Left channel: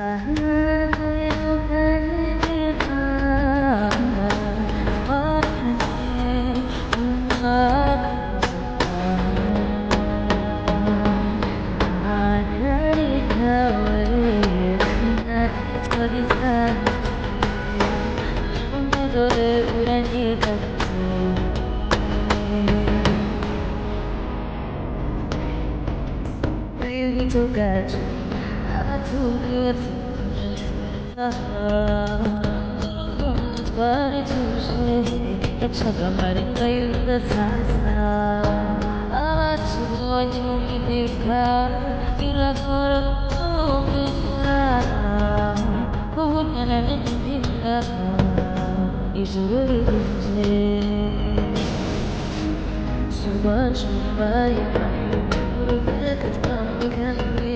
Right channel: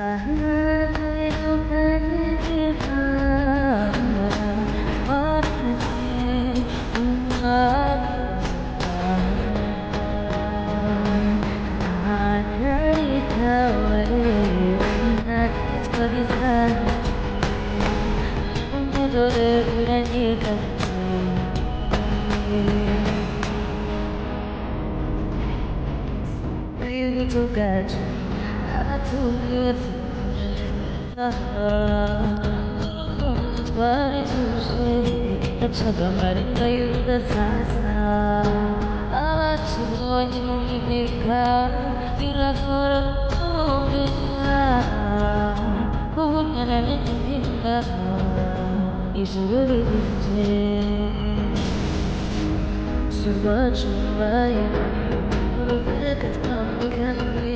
To get to get But to say it's a gambling the sana to join you because you love who can I be is really so much more regret it come can be